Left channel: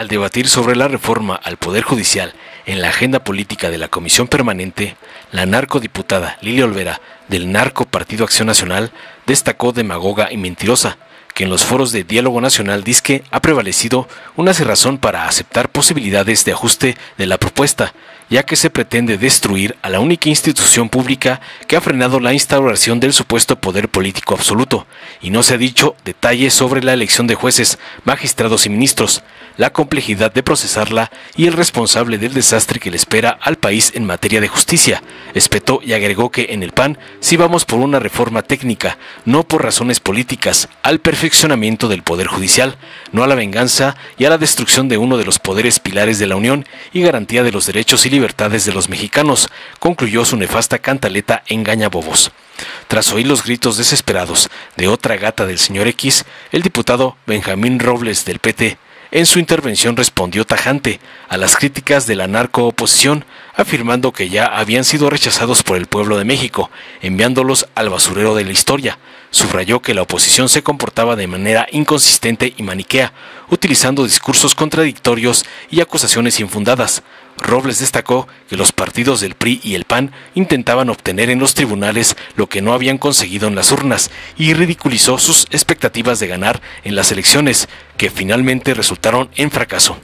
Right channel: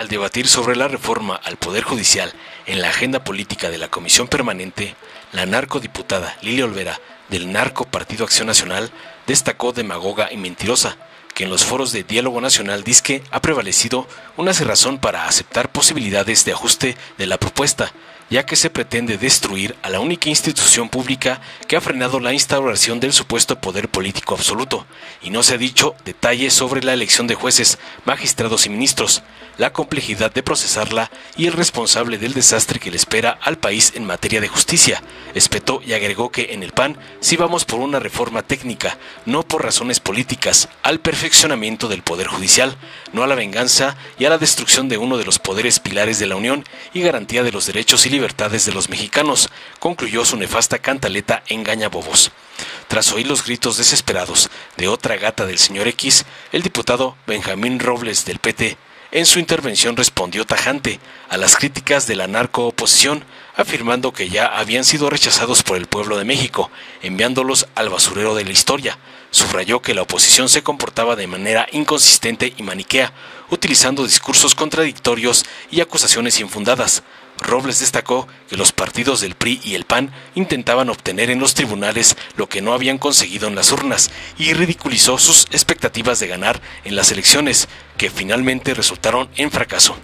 Al debatir sobre la reforma al Poder Judicial en la agenda política de la Comisión Permanente, la narcodiputada Lilia Olvera, del Narco Partido Acción Nacional, destacó demagoga y mentirosa, que en los foros de diálogo nacional dizque ha prevalecido una cerrazón para aceptar posibilidades de ajuste de la propuesta, ya que se pretende destruir a la única institución pública que ha frenado la instauración del supuesto poder político absoluto, y no se ha dicho detalles sobre la elección de jueces, magistrados y ministros, la complejidad de procesarla y el responsable del desastre que le espera al país en materia de justicia. Espetó y agregó que en el PAN sí vamos por una reforma técnica, no por razones políticas, al perfeccionamiento del Poder Judicial, no a la venganza y a la destrucción de uno de los poderes pilares de la Unión y garantía de los derechos y libertades de los mexicanos, concluyó su nefasta cantaleta Engañabobos. Tras oír los gritos desesperados de otra gata del señor X, el diputado Benjamín Robles del PT, en su intervención respondió tajante a las críticas de la narcooposición, afirmando que ya habían sido rechazados por el pueblo de México, enviándolos al basurero de la historia. Subrayó que la oposición se comportaba de manera inconsistente y maniquea, utilizando discursos contradictorios y acusaciones infundadas. Robles destacó que los partidos del PRI y el PAN intentaban obtener en los tribunales lo que no habían conseguido en las urnas y ridiculizó sus expectativas de ganar en las elecciones, que finalmente resultaron en fracaso.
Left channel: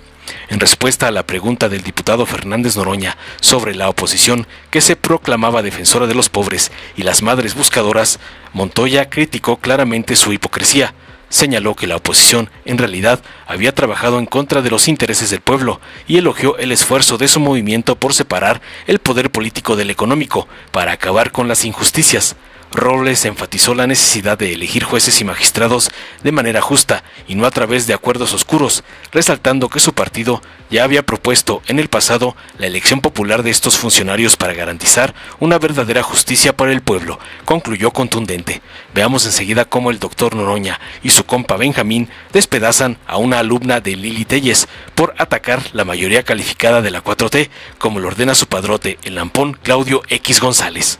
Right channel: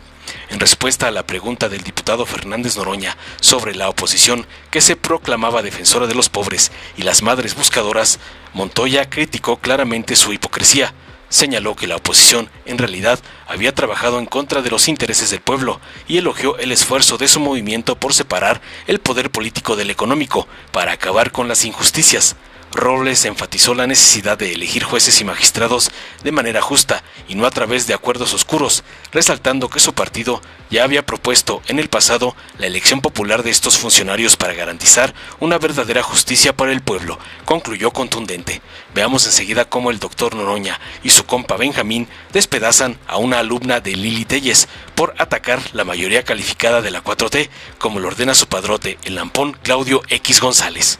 En respuesta a la pregunta del diputado Fernández Noroña sobre la oposición que se proclamaba defensora de los pobres y las madres buscadoras, Montoya criticó claramente su hipocresía. Señaló que la oposición, en realidad, había trabajado en contra de los intereses del pueblo y elogió el esfuerzo de su movimiento por separar el poder político del económico para acabar con las injusticias. Robles enfatizó la necesidad de elegir jueces y magistrados de manera justa y no a través de acuerdos oscuros, resaltando que su partido ya había propuesto en el pasado la elección popular de estos funcionarios para garantizar una verdadera justicia para el pueblo. Concluyó contundente. Veamos enseguida cómo el doctor Noroña y su compa Benjamín despedazan a una alumna de Lili Telles por atacar la mayoría calificada de la 4T, como lo ordena su padrote, el lampón Claudio X González.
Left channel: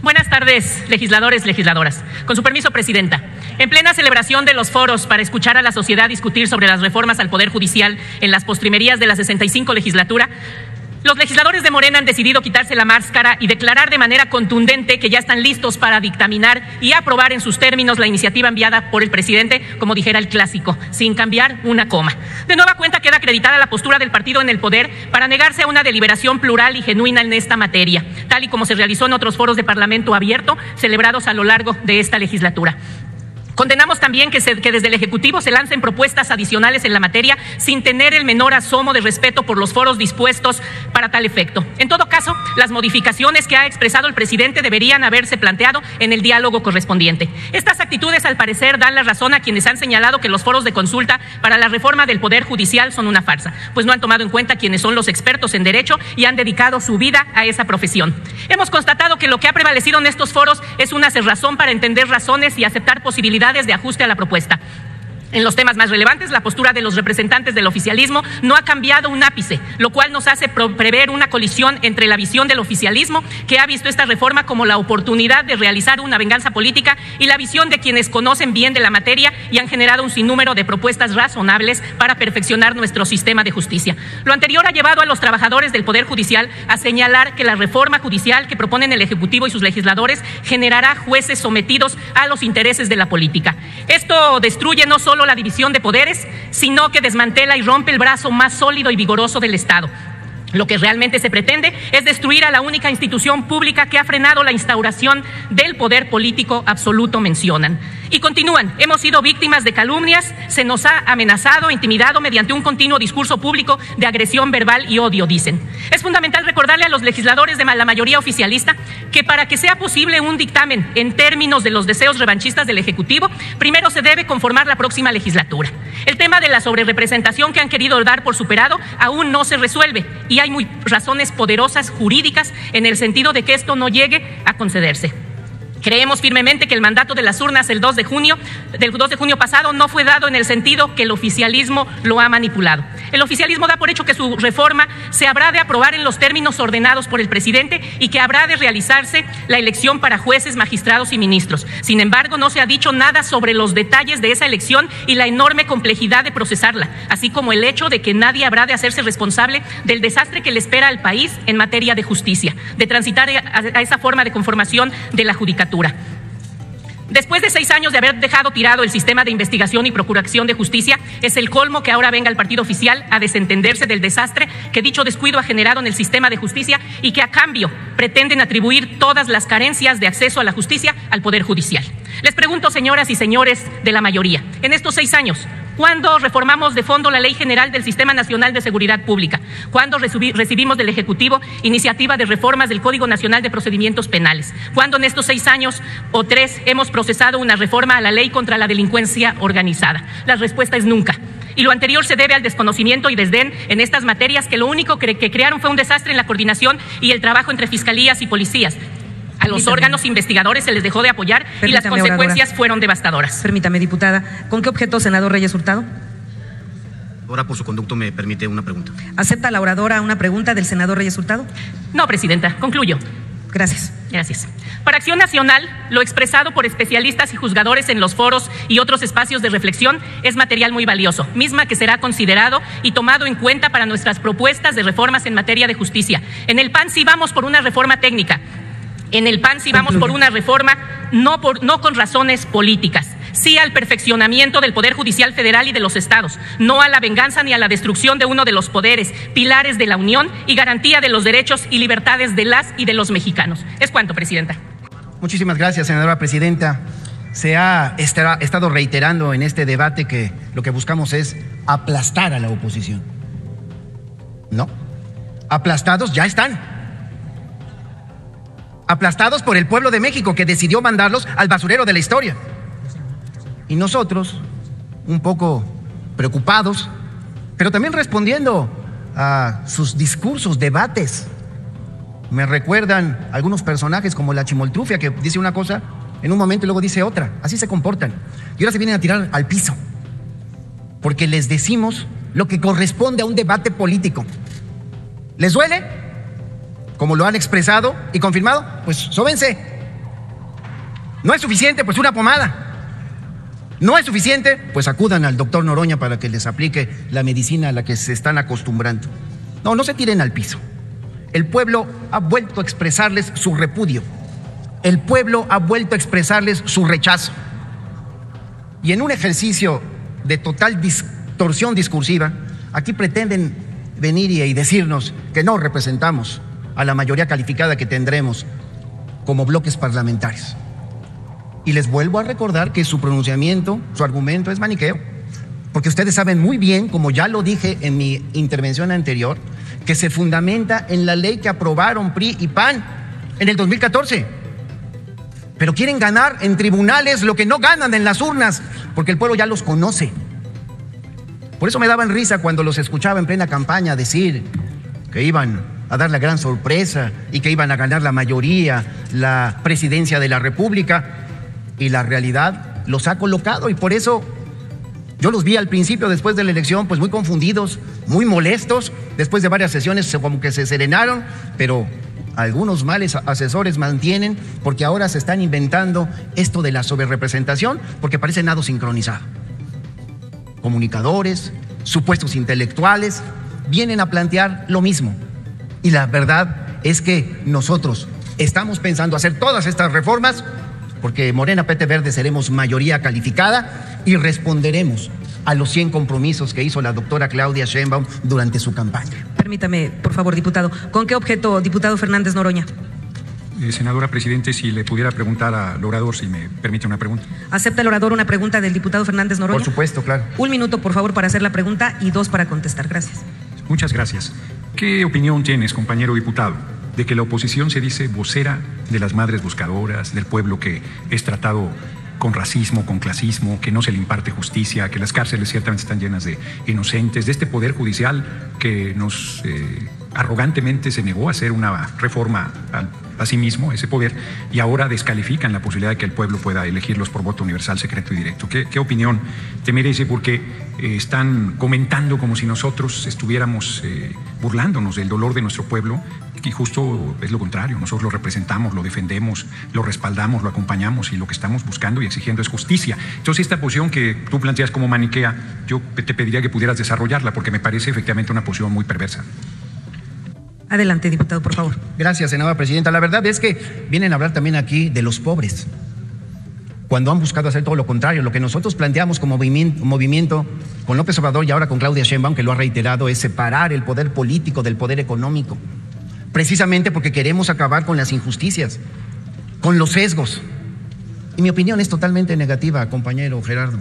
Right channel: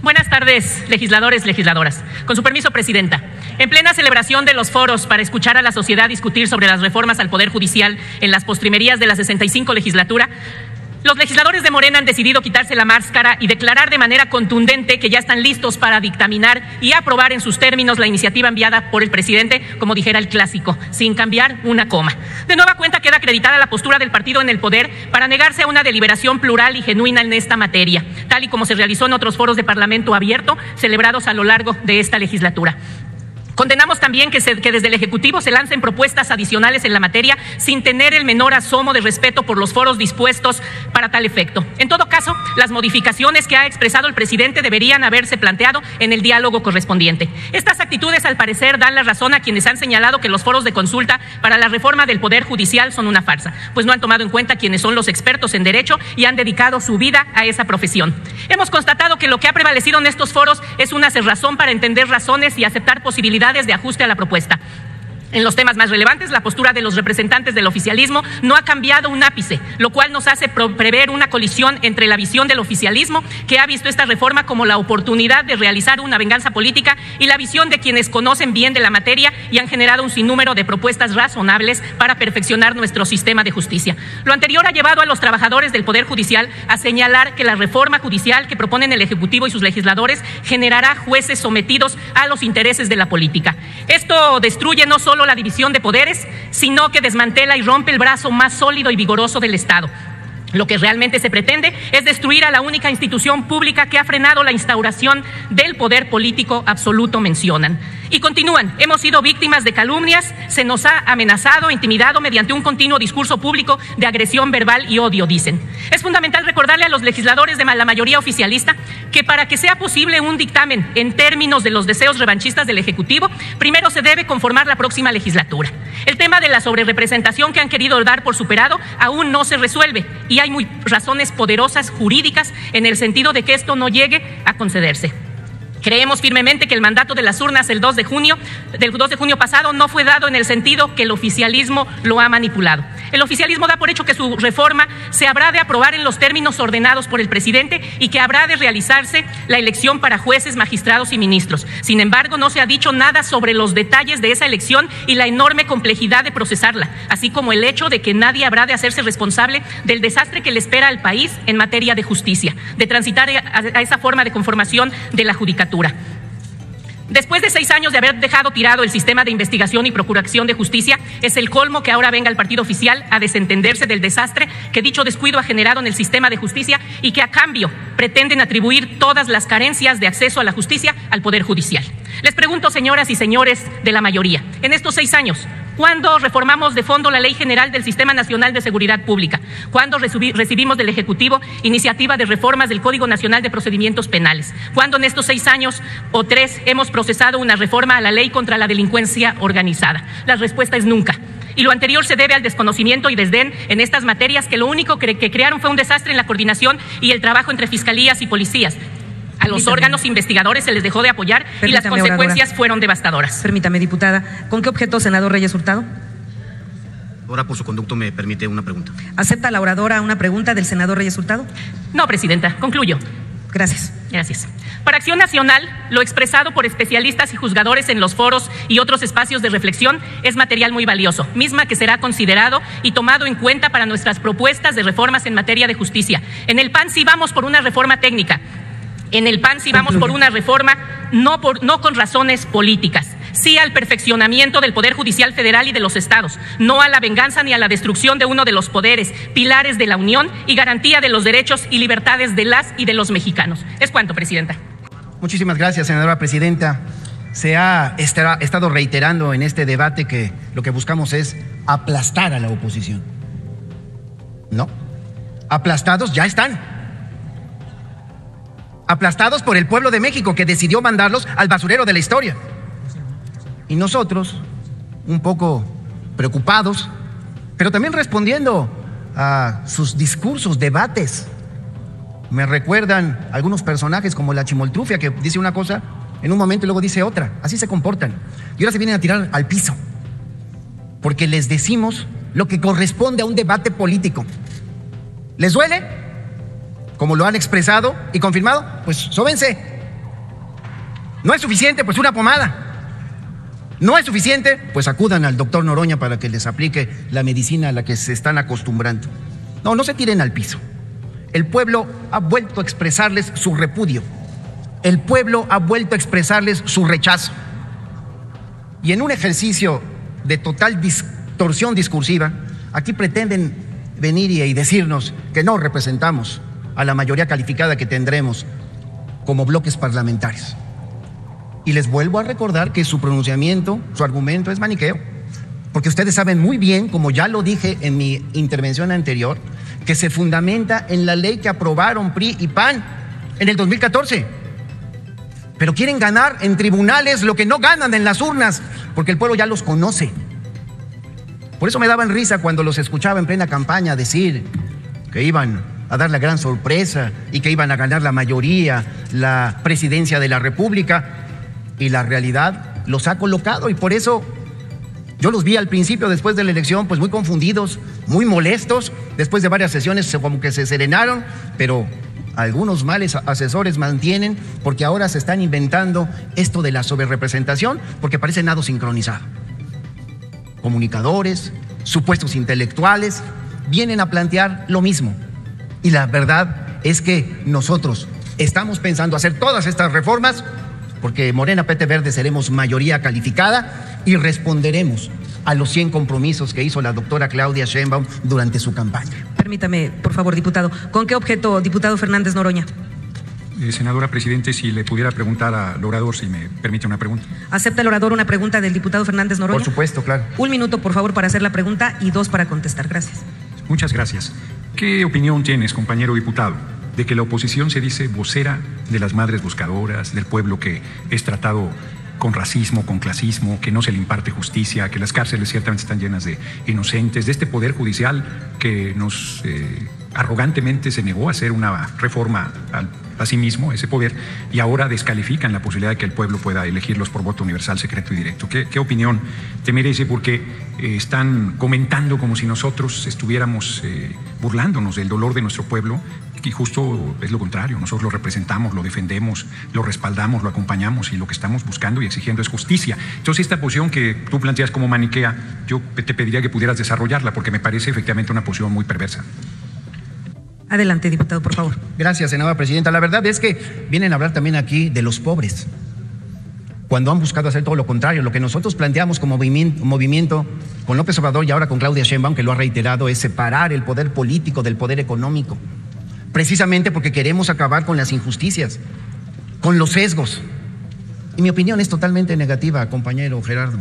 Buenas tardes, legisladores, legisladoras. Con su permiso, presidenta. En plena celebración de los foros para escuchar a la sociedad discutir sobre las reformas al Poder Judicial en las postrimerías de la 65 legislatura, los legisladores de Morena han decidido quitarse la máscara y declarar de manera contundente que ya están listos para dictaminar y aprobar en sus términos la iniciativa enviada por el presidente, como dijera el clásico, sin cambiar una coma. De nueva cuenta queda acreditada la postura del partido en el poder para negarse a una deliberación plural y genuina en esta materia, tal y como se realizó en otros foros de Parlamento abierto celebrados a lo largo de esta legislatura. Condenamos también que desde el Ejecutivo se lancen propuestas adicionales en la materia sin tener el menor asomo de respeto por los foros dispuestos para tal efecto. En todo caso, las modificaciones que ha expresado el presidente deberían haberse planteado en el diálogo correspondiente. Estas actitudes, al parecer, dan la razón a quienes han señalado que los foros de consulta para la reforma del Poder Judicial son una farsa, pues no han tomado en cuenta quienes son los expertos en derecho y han dedicado su vida a esa profesión. Hemos constatado que lo que ha prevalecido en estos foros es una cerrazón para entender razones y aceptar posibilidades de ajuste a la propuesta. En los temas más relevantes, la postura de los representantes del oficialismo no ha cambiado un ápice, lo cual nos hace prever una colisión entre la visión del oficialismo, que ha visto esta reforma como la oportunidad de realizar una venganza política, y la visión de quienes conocen bien de la materia y han generado un sinnúmero de propuestas razonables para perfeccionar nuestro sistema de justicia. Lo anterior ha llevado a los trabajadores del Poder Judicial a señalar que la reforma judicial que proponen el Ejecutivo y sus legisladores generará jueces sometidos a los intereses de la política. Esto destruye no solo la división de poderes, sino que desmantela y rompe el brazo más sólido y vigoroso del Estado. Lo que realmente se pretende es destruir a la única institución pública que ha frenado la instauración del poder político absoluto, mencionan. Y continúan: hemos sido víctimas de calumnias, se nos ha amenazado, intimidado mediante un continuo discurso público de agresión verbal y odio, dicen. Es fundamental recordarle a los legisladores de la mayoría oficialista que para que sea posible un dictamen en términos de los deseos revanchistas del Ejecutivo, primero se debe conformar la próxima legislatura. El tema de la sobrerepresentación que han querido dar por superado aún no se resuelve y hay razones poderosas jurídicas en el sentido de que esto no llegue a concederse. Creemos firmemente que el mandato de las urnas del 2 de junio pasado no fue dado en el sentido que el oficialismo lo ha manipulado. El oficialismo da por hecho que su reforma se habrá de aprobar en los términos ordenados por el presidente y que habrá de realizarse la elección para jueces, magistrados y ministros. Sin embargo, no se ha dicho nada sobre los detalles de esa elección y la enorme complejidad de procesarla, así como el hecho de que nadie habrá de hacerse responsable del desastre que le espera al país en materia de justicia, de transitar a esa forma de conformación de la judicatura. Después de 6 años de haber dejado tirado el sistema de investigación y procuración de justicia, es el colmo que ahora venga el partido oficial a desentenderse del desastre que dicho descuido ha generado en el sistema de justicia y que a cambio pretenden atribuir todas las carencias de acceso a la justicia al Poder Judicial. Les pregunto, señoras y señores de la mayoría, en estos 6 años, ¿cuándo reformamos de fondo la Ley General del Sistema Nacional de Seguridad Pública? ¿Cuándo recibimos del Ejecutivo iniciativa de reformas del Código Nacional de Procedimientos Penales? ¿Cuándo en estos 6 años o 3 hemos procesado una reforma a la Ley contra la Delincuencia Organizada? La respuesta es nunca. Y lo anterior se debe al desconocimiento y desdén en estas materias, que lo único que crearon fue un desastre en la coordinación y el trabajo entre fiscalías y policías. A los órganos investigadores se les dejó de apoyar y las consecuencias fueron devastadoras. Permítame, diputada. ¿Con qué objeto, senador Reyes Hurtado? Ahora, por su conducto, me permite una pregunta. ¿Acepta la oradora una pregunta del senador Reyes Hurtado? No, presidenta. Concluyo. Gracias. Gracias. Para Acción Nacional, lo expresado por especialistas y juzgadores en los foros y otros espacios de reflexión es material muy valioso, misma que será considerado y tomado en cuenta para nuestras propuestas de reformas en materia de justicia. En el PAN sí vamos por una reforma técnica. En el PAN sí vamos por una reforma no con razones políticas, sí al perfeccionamiento del Poder Judicial Federal y de los estados, no a la venganza ni a la destrucción de uno de los poderes, pilares de la Unión y garantía de los derechos y libertades de las y de los mexicanos. Es cuanto, presidenta. Muchísimas gracias, senadora presidenta. Se ha estado reiterando en este debate que lo que buscamos es aplastar a la oposición. ¿No? Aplastados ya están. Aplastados por el pueblo de México, que decidió mandarlos al basurero de la historia. Y nosotros, un poco preocupados, pero también respondiendo a sus discursos, debates. Me recuerdan algunos personajes como la Chimoltrufia, que dice una cosa en un momento y luego dice otra. Así se comportan. Y ahora se vienen a tirar al piso, porque les decimos lo que corresponde a un debate político. ¿Les duele? Como lo han expresado y confirmado, pues sóbense. No es suficiente, pues una pomada. No es suficiente, pues acudan al doctor Noroña para que les aplique la medicina a la que se están acostumbrando. No se tiren al piso. El pueblo ha vuelto a expresarles su repudio. El pueblo ha vuelto a expresarles su rechazo. Y en un ejercicio de total distorsión discursiva, aquí pretenden venir y decirnos que no representamos a la mayoría calificada que tendremos como bloques parlamentarios. Y les vuelvo a recordar que su pronunciamiento, su argumento es maniqueo, porque ustedes saben muy bien, como ya lo dije en mi intervención anterior, que se fundamenta en la ley que aprobaron PRI y PAN en el 2014. Pero quieren ganar en tribunales lo que no ganan en las urnas, porque el pueblo ya los conoce. Por eso me daban risa cuando los escuchaba en plena campaña decir que iban a dar la gran sorpresa y que iban a ganar la mayoría, la presidencia de la República, y la realidad los ha colocado. Y por eso yo los vi al principio, después de la elección, pues muy confundidos, muy molestos. Después de varias sesiones como que se serenaron, pero algunos males asesores mantienen, porque ahora se están inventando esto de la sobrerepresentación, porque parece nada sincronizado. Comunicadores, supuestos intelectuales, vienen a plantear lo mismo. Y la verdad es que nosotros estamos pensando hacer todas estas reformas porque Morena PT Verde seremos mayoría calificada y responderemos a los 100 compromisos que hizo la doctora Claudia Sheinbaum durante su campaña. Permítame, por favor, diputado. ¿Con qué objeto, diputado Fernández Noroña? Senadora Presidente, si le pudiera preguntar al orador, si me permite una pregunta. ¿Acepta el orador una pregunta del diputado Fernández Noroña? Por supuesto, claro. 1 minuto, por favor, para hacer la pregunta y 2 para contestar. Gracias. Muchas gracias. ¿Qué opinión tienes, compañero diputado, de que la oposición se dice vocera de las madres buscadoras, del pueblo que es tratado con racismo, con clasismo, que no se le imparte justicia, que las cárceles ciertamente están llenas de inocentes, de este poder judicial que nos arrogantemente se negó a hacer una reforma sí mismo ese poder y ahora descalifican la posibilidad de que el pueblo pueda elegirlos por voto universal, secreto y directo. ¿Qué opinión te merece? Porque están comentando como si nosotros estuviéramos burlándonos del dolor de nuestro pueblo, que justo es lo contrario. Nosotros lo representamos, lo defendemos, lo respaldamos, lo acompañamos y lo que estamos buscando y exigiendo es justicia. Entonces, esta posición que tú planteas como maniquea, yo te pediría que pudieras desarrollarla porque me parece efectivamente una posición muy perversa. Adelante, diputado, por favor. Gracias, senadora presidenta. La verdad es que vienen a hablar también aquí de los pobres, cuando han buscado hacer todo lo contrario. Lo que nosotros planteamos como movimiento con López Obrador y ahora con Claudia Sheinbaum, que lo ha reiterado, es separar el poder político del poder económico, precisamente porque queremos acabar con las injusticias, con los sesgos. Y mi opinión es totalmente negativa, compañero Gerardo.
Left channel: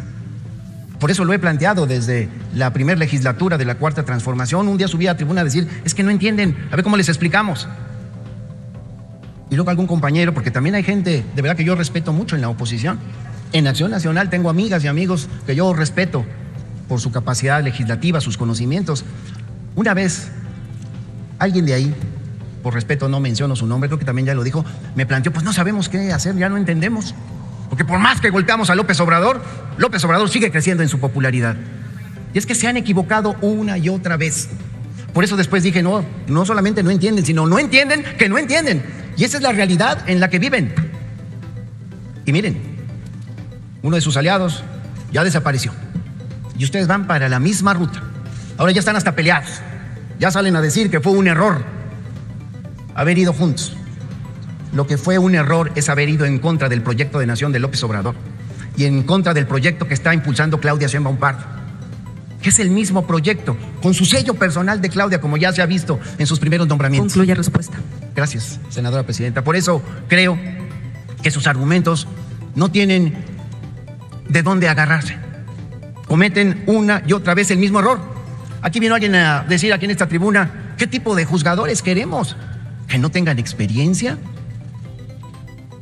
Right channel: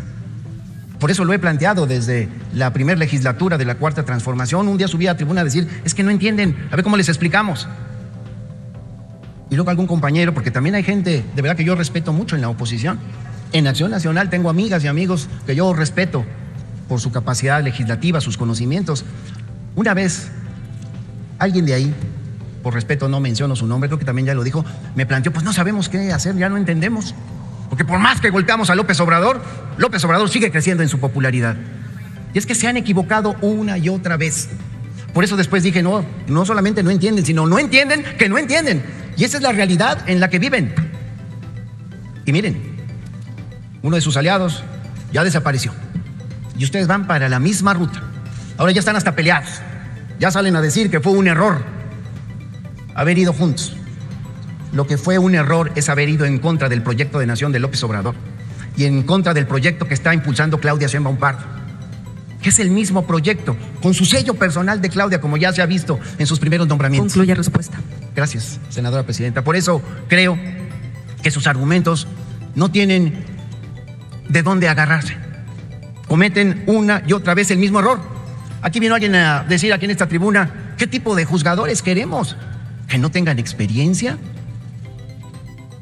Por eso lo he planteado desde la primera legislatura de la Cuarta Transformación. Un día subí a la tribuna a decir, es que no entienden, a ver cómo les explicamos. Y luego algún compañero, porque también hay gente, de verdad que yo respeto mucho en la oposición. En Acción Nacional tengo amigas y amigos que yo respeto por su capacidad legislativa, sus conocimientos. Una vez, alguien de ahí, por respeto no menciono su nombre, creo que también ya lo dijo, me planteó, pues no sabemos qué hacer, ya no entendemos. Porque por más que golpeamos a López Obrador sigue creciendo en su popularidad. Y es que se han equivocado una y otra vez. Por eso después dije, no solamente no entienden, sino no entienden que no entienden. Y esa es la realidad en la que viven. Y miren, uno de sus aliados ya desapareció. Y ustedes van para la misma ruta. Ahora ya están hasta peleados. Ya salen a decir que fue un error haber ido juntos. Lo que fue un error es haber ido en contra del proyecto de nación de López Obrador y en contra del proyecto que está impulsando Claudia Sheinbaum Pardo, que es el mismo proyecto, con su sello personal de Claudia, como ya se ha visto en sus primeros nombramientos. Concluye respuesta. Gracias, senadora presidenta. Por eso creo que sus argumentos no tienen de dónde agarrarse. Cometen una y otra vez el mismo error. Aquí vino alguien a decir aquí en esta tribuna, ¿qué tipo de juzgadores queremos? ¿Que no tengan experiencia?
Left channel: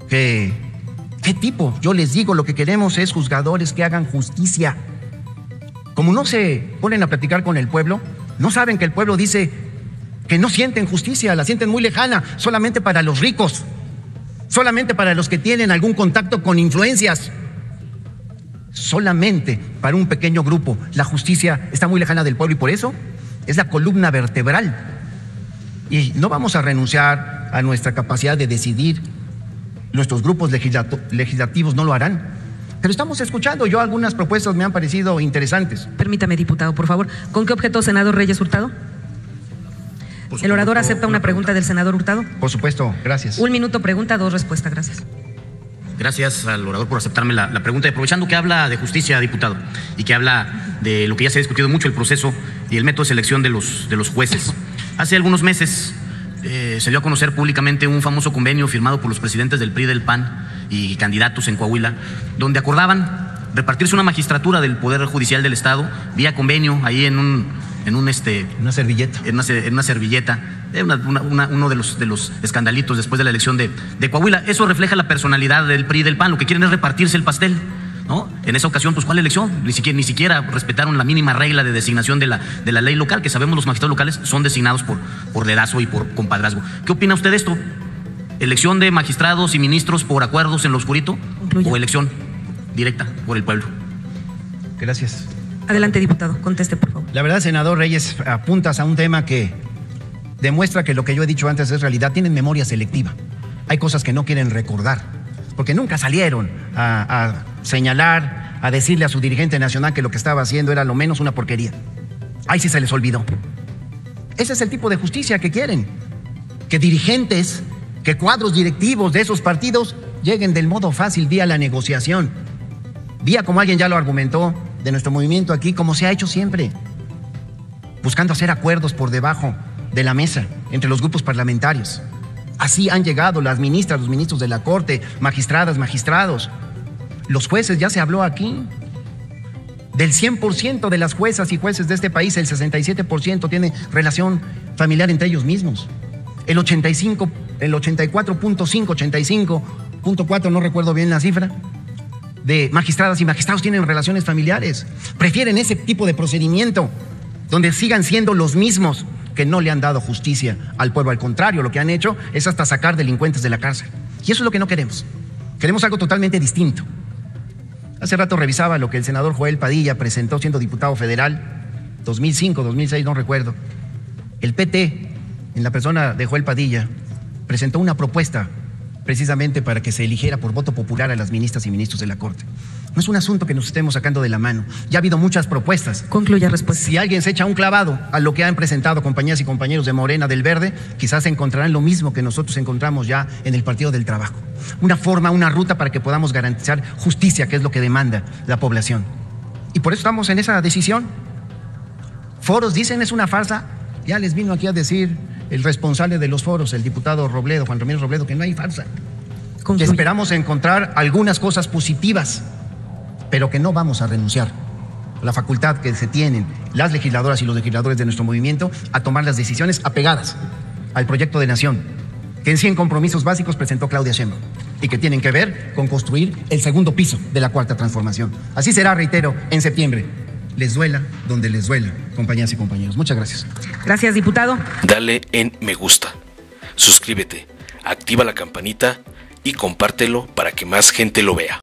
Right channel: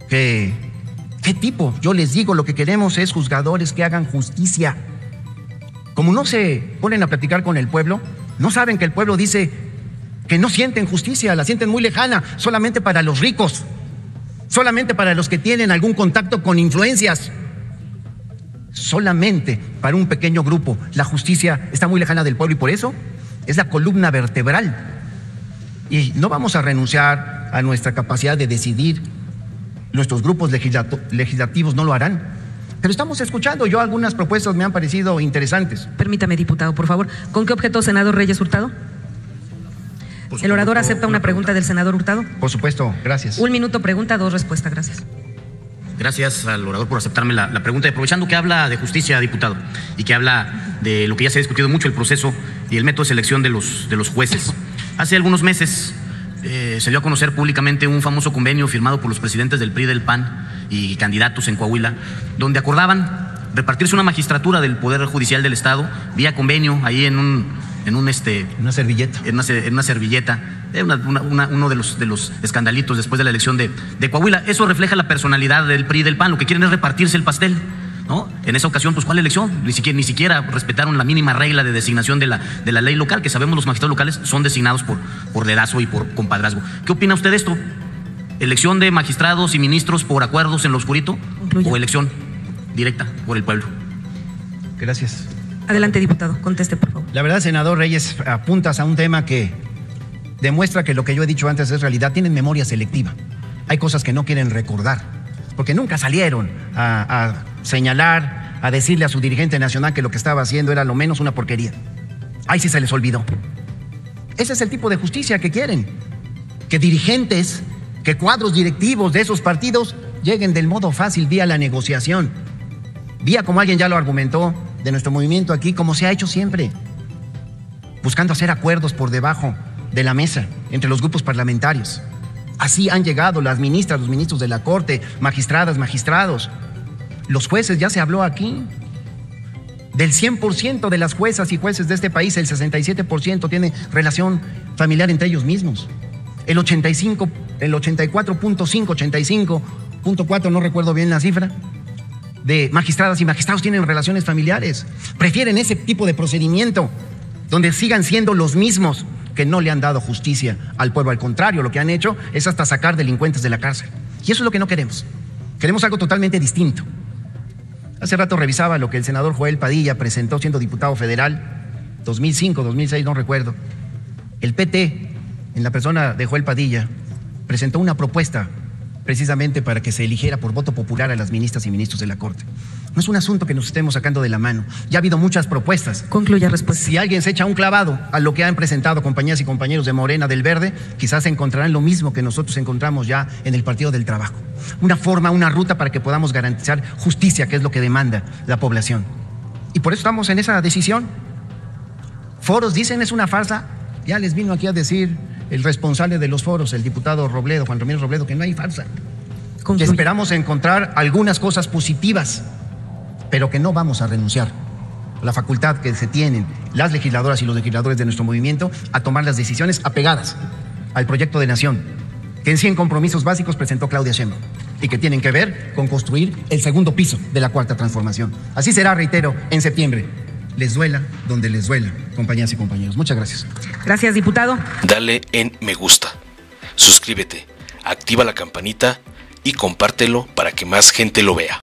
¿Qué tipo? Yo les digo, lo que queremos es juzgadores que hagan justicia. Como no se ponen a platicar con el pueblo, no saben que el pueblo dice que no sienten justicia, la sienten muy lejana, solamente para los ricos, solamente para los que tienen algún contacto con influencias, solamente para un pequeño grupo. La justicia está muy lejana del pueblo y por eso es la columna vertebral. Y no vamos a renunciar a nuestra capacidad de decidir. Nuestros grupos legislativos no lo harán. Pero estamos escuchando. Yo algunas propuestas me han parecido interesantes. Permítame, diputado, por favor. ¿Con qué objeto, senador Reyes Hurtado? ¿El orador acepta una pregunta del senador Hurtado? Por supuesto, gracias. 1 minuto pregunta, 2 respuestas, gracias. Gracias al orador por aceptarme la pregunta. Y aprovechando que habla de justicia, diputado, y que habla de lo que ya se ha discutido mucho, el proceso y el método de selección de los jueces. Hace algunos meses se dio a conocer públicamente un famoso convenio firmado por los presidentes del PRI y del PAN y candidatos en Coahuila, donde acordaban repartirse una magistratura del Poder Judicial del Estado vía convenio ahí en una servilleta. En una servilleta. Uno de los escandalitos después de la elección de Coahuila. Eso refleja la personalidad del PRI y del PAN. Lo que quieren es repartirse el pastel, ¿no? En esa ocasión, pues, ¿cuál elección? Ni siquiera respetaron la mínima regla de designación de la ley local, que sabemos los magistrados locales son designados por dedazo y por compadrazgo. ¿Qué opina usted de esto? ¿Elección de magistrados y ministros por acuerdos en lo oscurito? Concluye. ¿O elección directa por el pueblo? Gracias. Adelante, diputado, conteste, por favor. La verdad, senador Reyes, apuntas a un tema que demuestra que lo que yo he dicho antes es realidad. Tienen memoria selectiva. Hay cosas que no quieren recordar, porque nunca salieron a señalar, a decirle a su dirigente nacional que lo que estaba haciendo era lo menos una porquería. Ahí sí se les olvidó. Ese es el tipo de justicia que quieren. Que dirigentes, que cuadros directivos de esos partidos lleguen del modo fácil vía la negociación. Vía, como alguien ya lo argumentó, de nuestro movimiento aquí, como se ha hecho siempre. Buscando hacer acuerdos por debajo de la mesa entre los grupos parlamentarios. Así han llegado las ministras, los ministros de la Corte, magistradas, magistrados. Los jueces, ya se habló aquí. Del 100% de las juezas y jueces de este país, el 67% tiene relación familiar entre ellos mismos. El 85.4, no recuerdo bien la cifra, de magistradas y magistrados tienen relaciones familiares. Prefieren ese tipo de procedimiento, donde sigan siendo los mismos que no le han dado justicia al pueblo. Al contrario, lo que han hecho es hasta sacar delincuentes de la cárcel. Y eso es lo que no queremos. Queremos algo totalmente distinto. Hace rato revisaba lo que el senador Joel Padilla presentó siendo diputado federal, 2005, 2006, no recuerdo. El PT, en la persona de Joel Padilla, presentó una propuesta precisamente para que se eligiera por voto popular a las ministras y ministros de la Corte. No es un asunto que nos estemos sacando de la mano. Ya ha habido muchas propuestas. Concluya respuesta. Si alguien se echa un clavado a lo que han presentado compañeras y compañeros de Morena, del Verde, quizás encontrarán lo mismo que nosotros encontramos ya en el Partido del Trabajo. Una forma, una ruta para que podamos garantizar justicia, que es lo que demanda la población. Y por eso estamos en esa decisión. Foros, dicen, es una farsa. Ya les vino aquí a decir el responsable de los foros, el diputado Robledo, Juan Ramírez Robledo, que no hay farsa. Que esperamos encontrar algunas cosas positivas, pero que no vamos a renunciar a la facultad que se tienen las legisladoras y los legisladores de nuestro movimiento a tomar las decisiones apegadas al proyecto de nación que en 100 compromisos básicos presentó Claudia Sheinbaum y que tienen que ver con construir el segundo piso de la Cuarta Transformación. Así será, reitero, en septiembre. Les duela donde les duela, compañeras y compañeros. Muchas gracias. Gracias, diputado. Dale en me gusta, suscríbete, activa la campanita y compártelo para que más gente lo vea.